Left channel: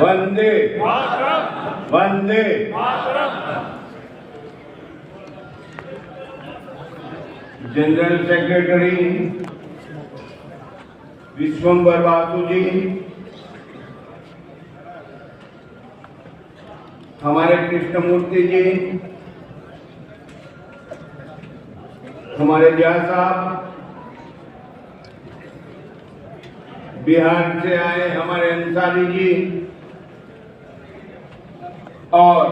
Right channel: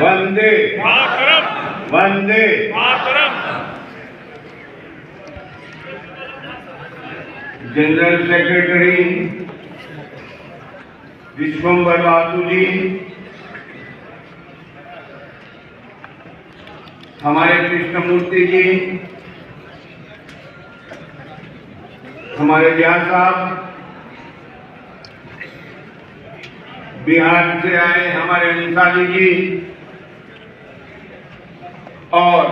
Vande Mataram, Vande Mataram. General secretary Vishwambar Basu जी, हमारे कृष्णमूर्ति जी, हमारे व्यास साहब, बिहार से आए हमारे अंसारी जी और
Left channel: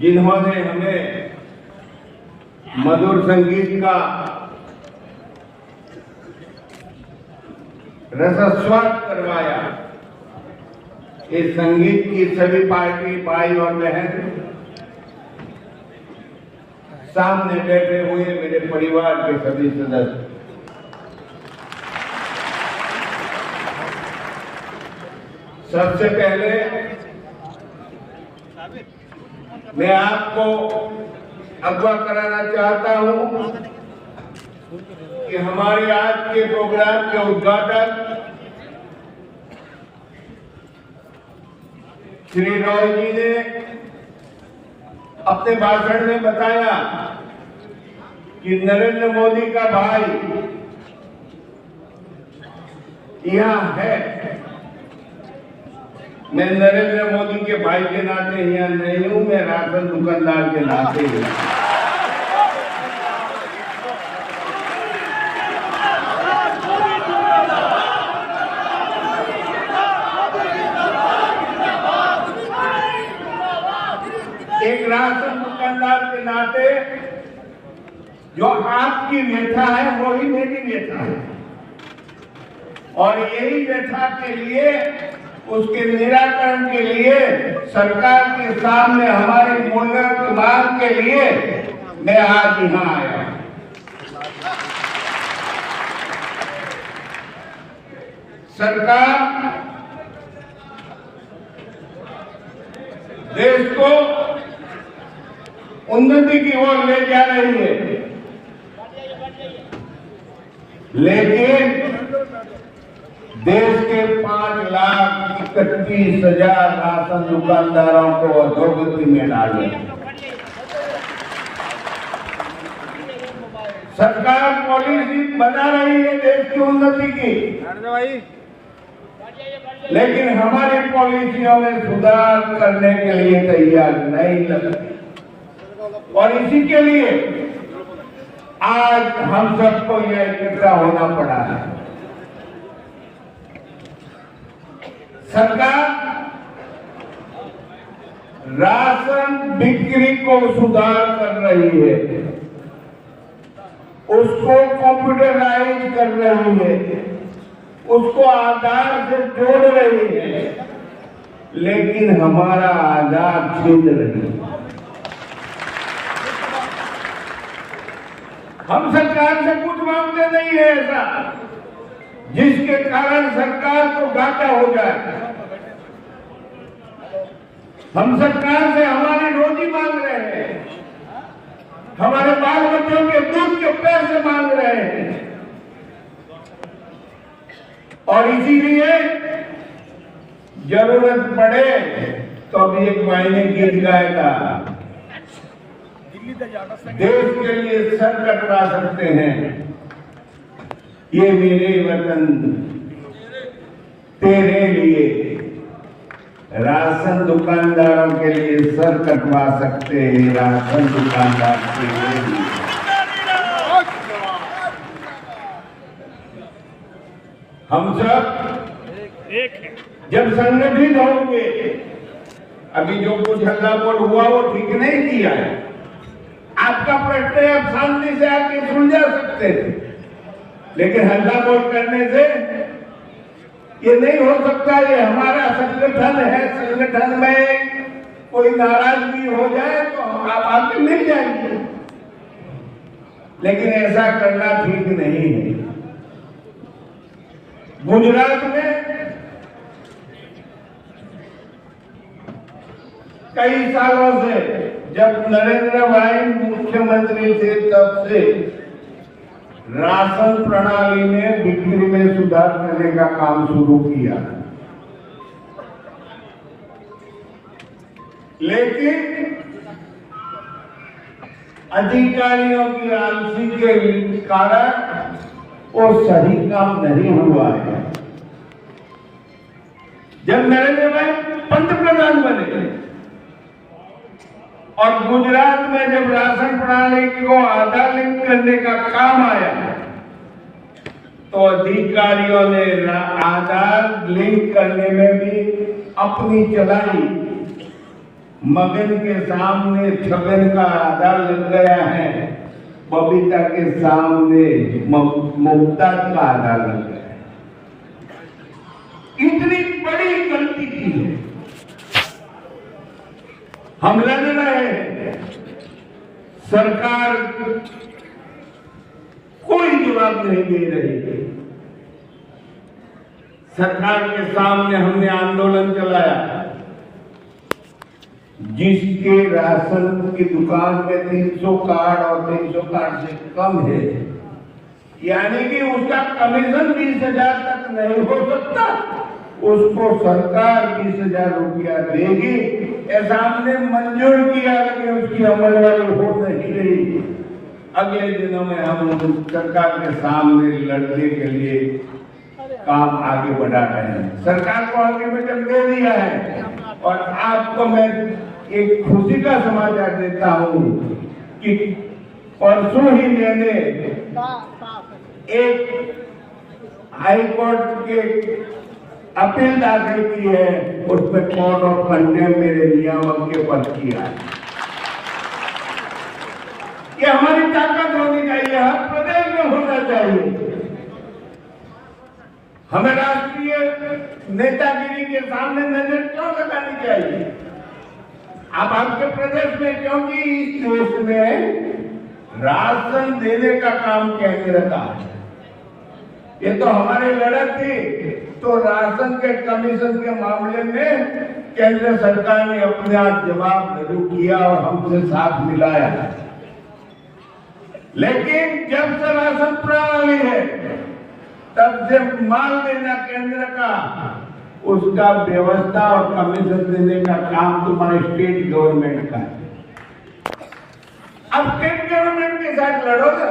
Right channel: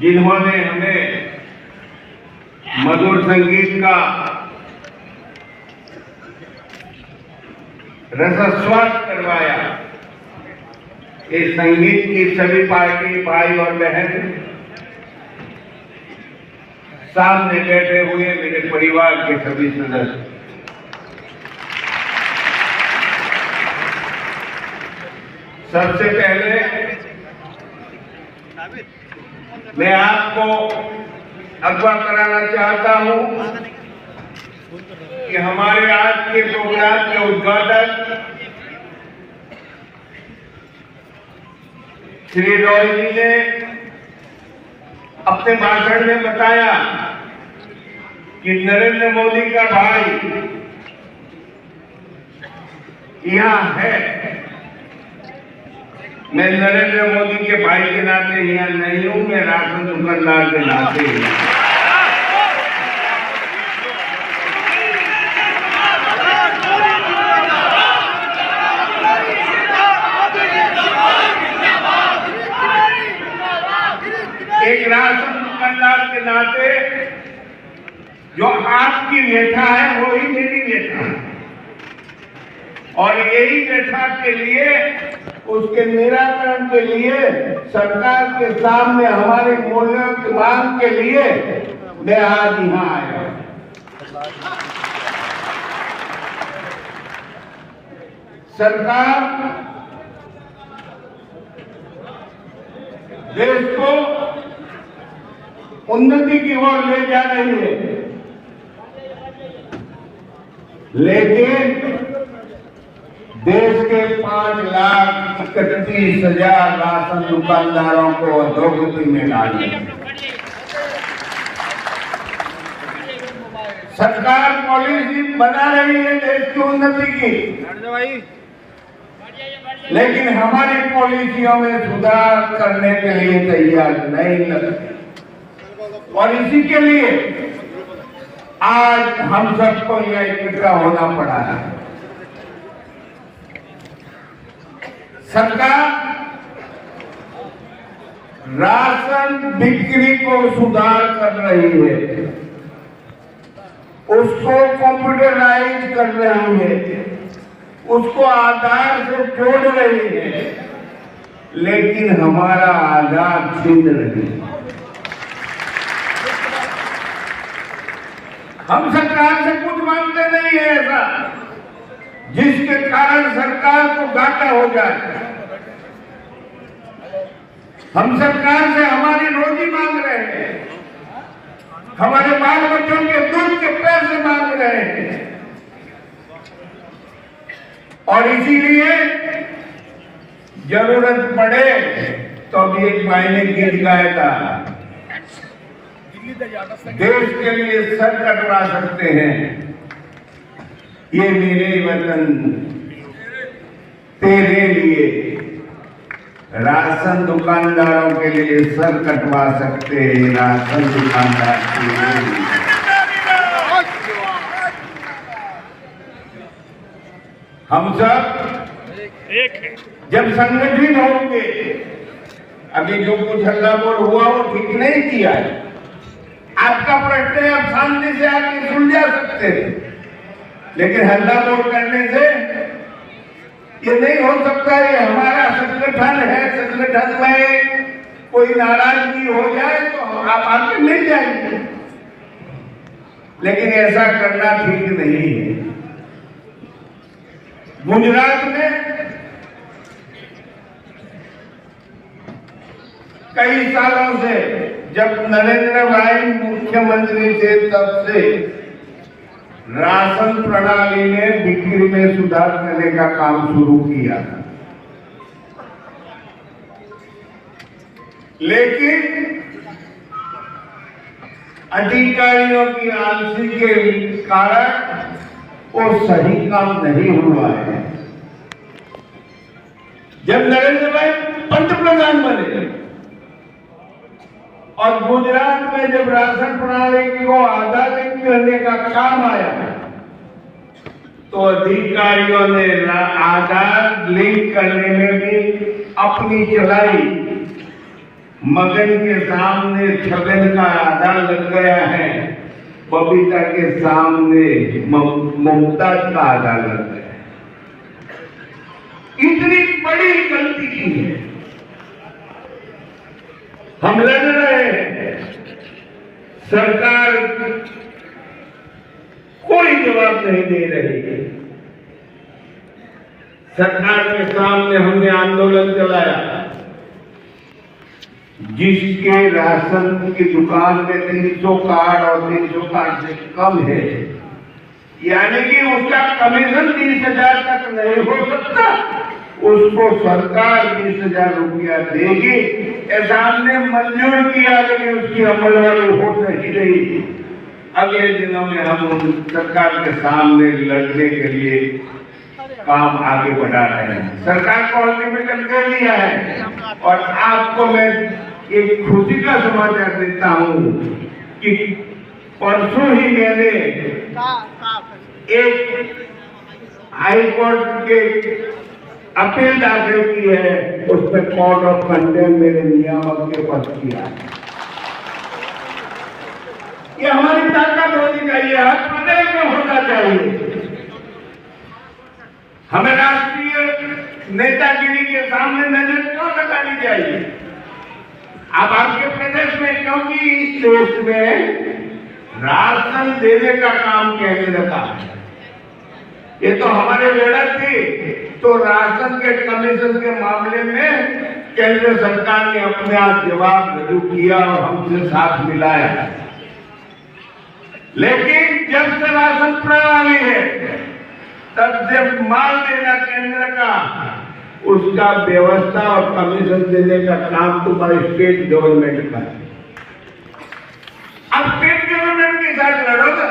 जिन्होंने हमें मधुर संगीत का रसास्वाद करवाया। इस संगीत की सभी पार्टी भाई और बहन, सामने बैठे हुए मेरे परिवार के सभी सदस्य, सबसे पहले मैं आपको अवगत कराना चाहता हूं कि हमारे आज के प्रोग्राम के उद्घाटक श्री रॉय जी ने अपने भाषण में बताया कि नरेंद्र मोदी का भाई यहां है। मैं नरेंद्र मोदी के भाई के नाते यहाँ नहीं हूं, मैं राशन दुकानदार के नाते हूं। एक राशन दुकानदार के नाते जो आपकी व्यथा है वही मेरी व्यथा है, और यही व्यथा के लिए, उसके निराकरण के लिए, सरकार के सामने हमारी मूल्यों की मांग के लिए मैं आज यहाँ आया। सरकार देश को उन्नति की ओर ले जा रही है, लेकिन देश के 5,31,000 राशन दुकानदारों को अधोगति में डाले। सरकार पॉलिसी बना रही है देश की उन्नति की, लेकिन हमारी पॉलिसियों में सुधार करने के लिए तैयार नहीं लगती, और इसी के लिए आज हम सबको यह इकट्ठा होना पड़ा है। सरकार राशन बिक्री को सुधार कर रही है, उसको कंप्यूटराइज कर रही है, उसको आधार से जोड़ रही है, लेकिन हमारा आधार छीन रही है। हम सरकार से कुछ मांगते नहीं है ऐसा जिसके कारण सरकार को घाटा हो जाए। हम सरकार से हमारी रोजी मांग रहे हैं, हमारे बाल बच्चों के दूध के पैसे मांग रहे हैं, और इसीलिए जरूरत पड़े तो अभी एक महीने गिर जाएगा, देश के लिए सर कटवा सकते हैं। ये मेरे वतन तेरे लिए, राशन दुकानदारों के लिए सर कटवा सकते हैं, राशन दुकानदार के लिए। हम सब एक है। जब संगठित होंगे, अभी जो कुछ हल्ला बोल हुआ वो ठीक नहीं किया है। आपका प्रश्न आप शांति से आके सुलझा सकते थे, लेकिन हल्ला बोल करने से ये नहीं हो सकता। ये हमारा संगठन है, संगठन में कोई नाराजगी हो जाए तो आप आके मिल जाएंगे, लेकिन ऐसा करना ठीक नहीं है। गुजरात में कई सालों से, जब नरेंद्र भाई मुख्यमंत्री थे तब से राशन प्रणाली में बिक्री में सुधार करने का काम शुरू किया था, लेकिन अधिकारियों की आलसी के कारण वो सही काम नहीं हुआ है। जब नरेंद्र भाई पंतप्रधान बने और गुजरात में जब राशन प्रणाली को आधारित करने का काम आया, तो अधिकारियों ने आधार लिंक करने में भी अपनी चलाई। मगन के सामने छगन का आधार लग गया है, बबीता के सामने ममता का आधार लग गया है। इतनी बड़ी गलती की है। हम लड़ रहे हैं, सरकार कोई जवाब नहीं दे रही है। सरकार के सामने हमने आंदोलन चलाया। जिसके राशन की दुकान में 300 कार्ड और 300 कार्ड से कम है, यानी कि उसका कमीशन 20,000 तक नहीं हो सकता, उसको सरकार 20,000 रुपया देगी। ऐसा हमने मंजूर किया, लेकिन उसकी अमलवारी हो नहीं रही। अगले दिनों में हम सरकार के सामने लड़ने के लिए काम आगे बढ़ा रहे हैं। सरकार को अल्टीमेटम दे दिया है। और आपको मैं एक खुशी का समाचार देता हूं कि परसों ही मैंने एक हाई कोर्ट के अपील दाखिल की है, उसमें कोर्ट ऑफ कंटेम्प्ट मेरे नियामक के पक्ष किया है। ये हमारी ताकत होनी चाहिए, हर प्रदेश में होना चाहिए। हमें राष्ट्रीय नेतागिरी के सामने नजर क्यों लगानी चाहिए? अब आपके प्रदेश में, क्योंकि इस देश में राशन देने का काम केंद्र का है। ये तो हमारी लड़त थी, तो राशन के कमीशन के मामले में केंद्र सरकार ने अपना जवाब रजू किया और हमसे साथ मिलाया। लेकिन जब से राशन प्रणाली है, तब से माल देना केंद्र का, उसका व्यवस्था और कमीशन देने का काम तुम्हारे स्टेट गवर्नमेंट का है। अब स्टेट गवर्नमेंट के साथ लड़ोगे,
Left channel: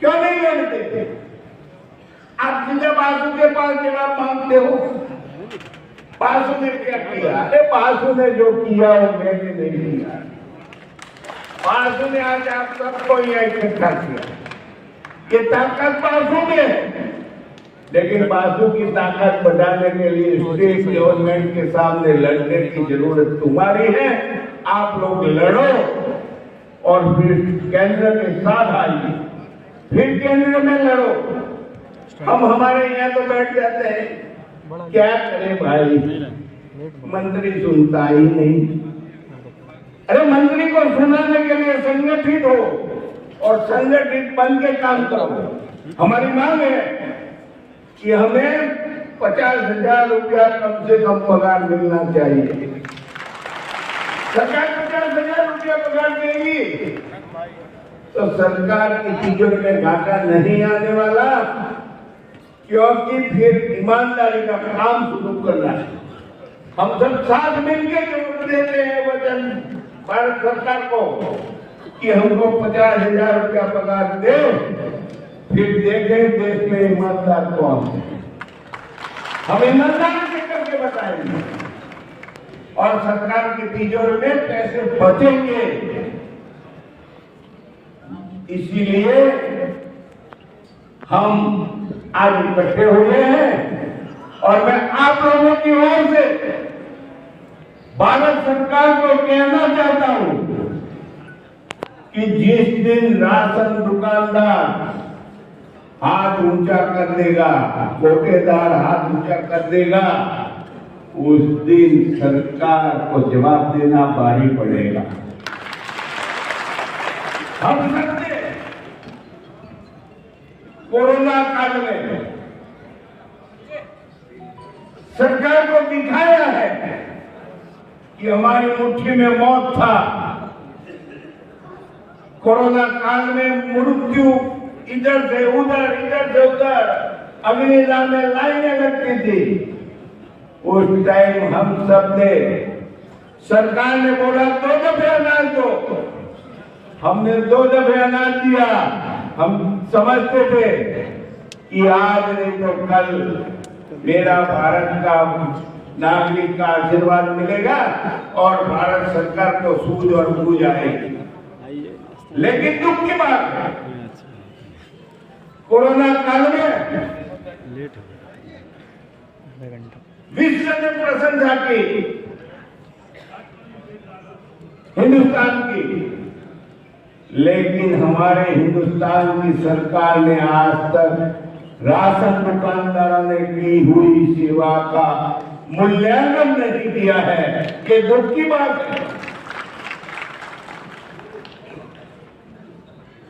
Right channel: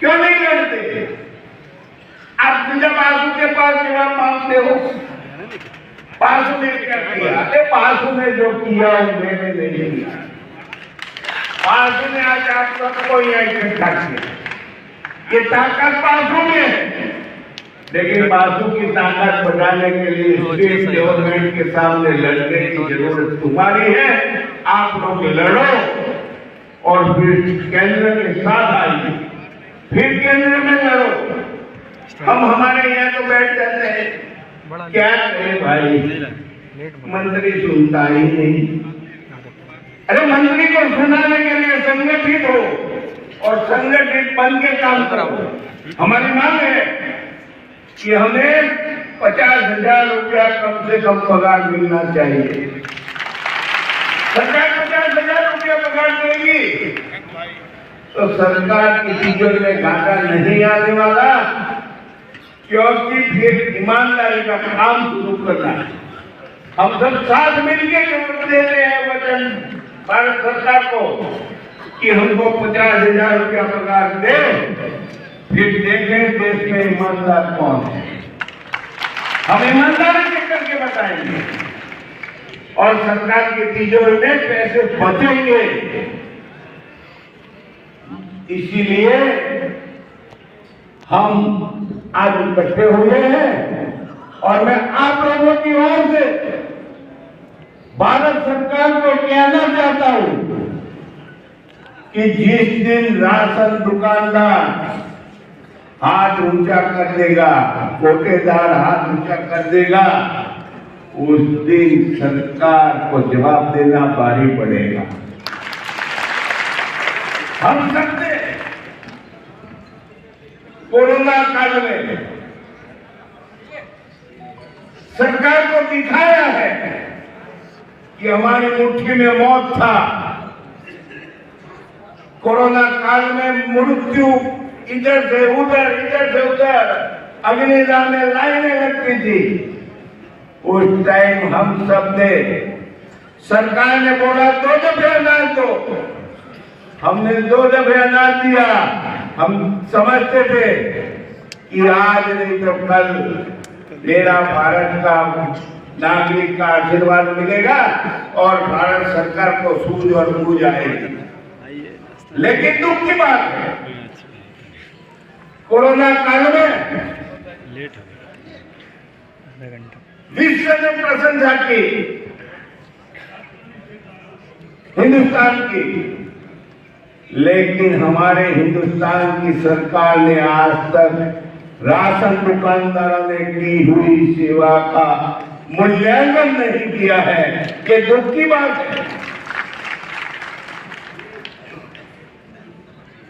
क्यों नहीं लड़ते? आप जब आंसू के पास जवाब मांगते हो, पासू ने क्या किया? अरे पासू ने जो किया वो मैंने नहीं किया। पासू ने आज आप सबको यह इकट्ठा किया। ये ताकत पासू में है, लेकिन पासू की ताकत बढ़ाने के लिए स्टेट गवर्नमेंट के सामने लड़ने की जरूरत तुम्हारी है। आप लोग लड़ो और फिर केंद्र के साथ आइए, फिर केंद्र में लड़ो। हम हमारे यहाँ तो बैठ जाते हैं, क्या करें भाई, मंत्री सुनता ही नहीं। अरे मंत्री को सुनाने के लिए संगठित हो और संगठित बन के काम करो। हमारी मांग है कि हमें 50,000 रुपया कम से कम पगार मिलना चाहिए। सरकार 50,000 रुपया पगार देगी तो सरकार की तिजोरी में घाटा नहीं आने वाला, क्योंकि फिर ईमानदारी का काम शुरू करना है। हम सब साथ मिलकर दे रहे हैं वचन भारत सरकार को कि हमको 50,000 रुपया पगार दे, फिर देखें देश में ईमानदार कौन है। हम ईमानदारी से करके बताएंगे और सरकार की तिजोरी में पैसे बचेंगे। इसीलिए हम आज इकट्ठे हुए हैं और मैं आप लोगों की ओर से भारत सरकार को कहना चाहता हूं कि जिस दिन राशन दुकानदार हाथ ऊंचा कर देगा, कोटेदार हाथ ऊंचा कर देगा, उस दिन सरकार को जवाब देना भारी पड़ेगा। हम सबने कोरोना काल में सरकार को दिखाया है कि हमारी मुट्ठी में मौत था, कोरोना काल में मृत्यु इधर से उधर अग्निदाह में लाइनें लगती थी। उस टाइम हम सब ने, सरकार ने बोला 2 दफे अनाज दो, हमने 2 दफे अनाज दिया। हम समझते थे कि आज नहीं तो कल मेरा भारत का नागरिक का आशीर्वाद मिलेगा और भारत सरकार को सूझ और बूझ आएगी। लेकिन दुख की बात है, कोरोना काल में विश्व ने प्रशंसा की हिंदुस्तान की, लेकिन हमारे हिंदुस्तान की सरकार ने आज तक राशन दुकानदारों ने की हुई सेवा का मूल्यांकन नहीं किया है। कि दुख की बात है।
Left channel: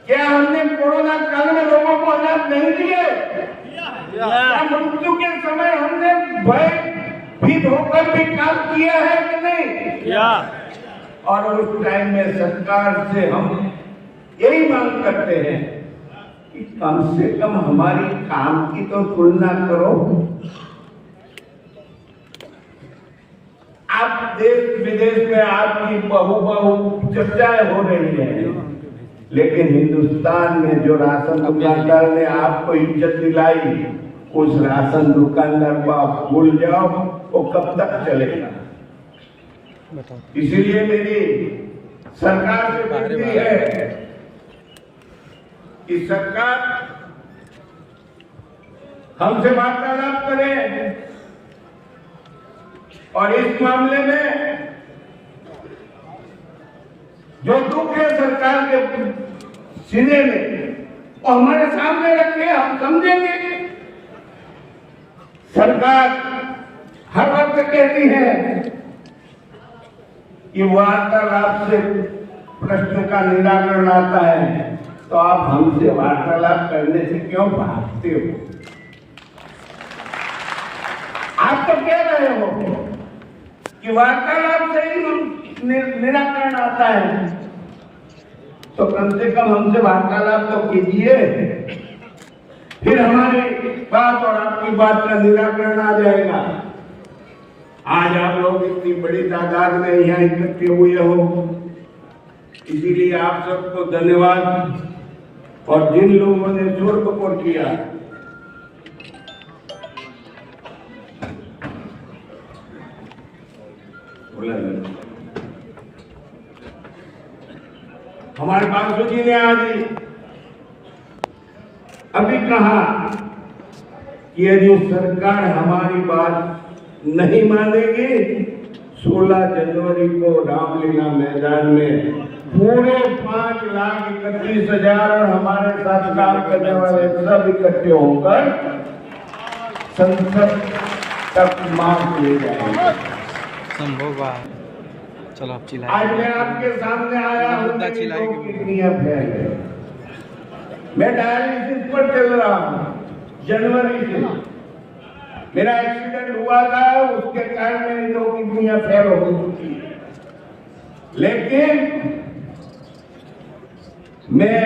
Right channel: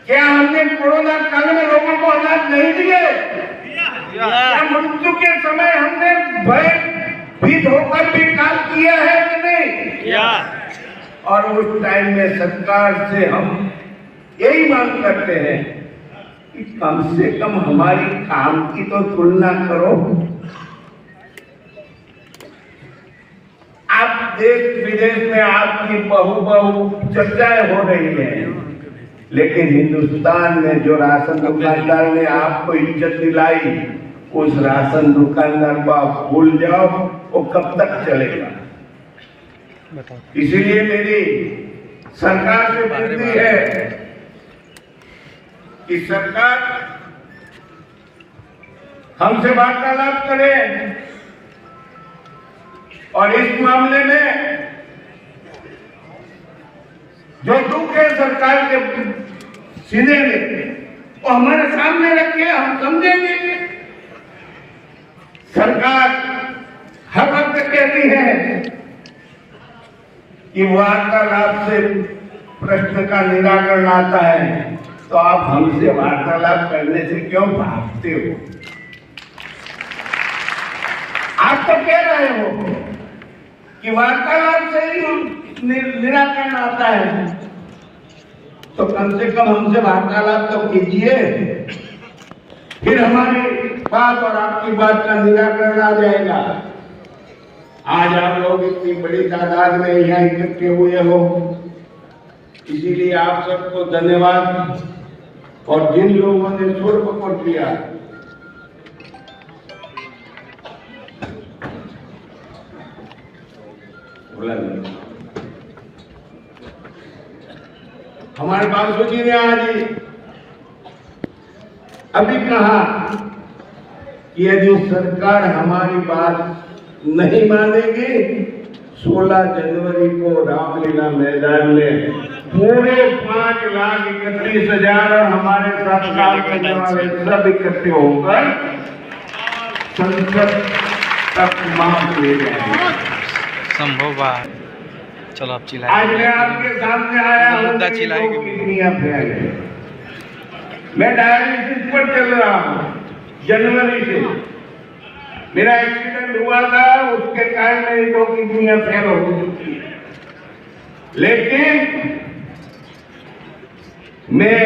क्या हमने कोरोना काल में लोगों को अनाज नहीं दिए? क्या मृत्यु के समय हमने भयभीत होकर भी काम किया है कि नहीं? और उस टाइम में सरकार से हम यही मांग करते हैं कि कम से कम हमारी काम की तो तुलना करो। आप देश विदेश में आपकी बहु चर्चाएं हो रही है, लेकिन हिंदुस्तान में जो राशन दुकानदार ने आपको इज्जत दिलाई, उस राशन दुकानदार को आप भूल जाओ, वो कब तक चलेगा? इसीलिए मेरी सरकार से विनती है कि सरकार हमसे वार्तालाप करे और इस मामले में जो दुख है सरकार के सीने में, वो हमारे सामने रखिए, हम समझेंगे। सरकार हर वक्त कहती है कि वार्तालाप से प्रश्न का निराकरण आता है, तो आप हमसे वार्तालाप करने से क्यों भागते हो? आप तो कह रहे हो कि वार्तालाप से ही निराकरण आता है, तो कम से कम हमसे वार्तालाप तो कीजिए, फिर हमारी बात और आपकी बात का निराकरण आ जाएगा। आज आप लोग इतनी बड़ी तादाद में यहाँ इकट्ठे हुए हो, इसीलिए आप सबको धन्यवाद। और जिन लोगों ने स्वर पकड़ किया, हमारे बाबू जी ने आज अभी कहा कि यदि सरकार हमारी बात नहीं मानेगी, 16 जनवरी को रामलीला मैदान में पूरे 5,31,000 और हमारे साथ काम करने वाले सब इकट्ठे होकर संसद तक मार्च ले जाएंगे। संभव है। चलो आप चिल्लाइए। आज मैं आपके सामने आया हूं, मैं डायलिसिस पर चल रहा हूं जनवरी से। मेरा एक्सीडेंट हुआ था, उसके कारण मेरी 2 किडनियां फेल हो चुकी है, लेकिन मैं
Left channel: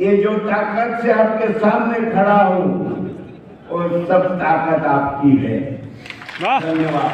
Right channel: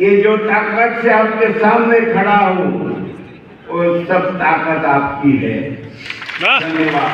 ये जो ताकत से आपके सामने खड़ा हूं, वो सब ताकत आपकी है। धन्यवाद।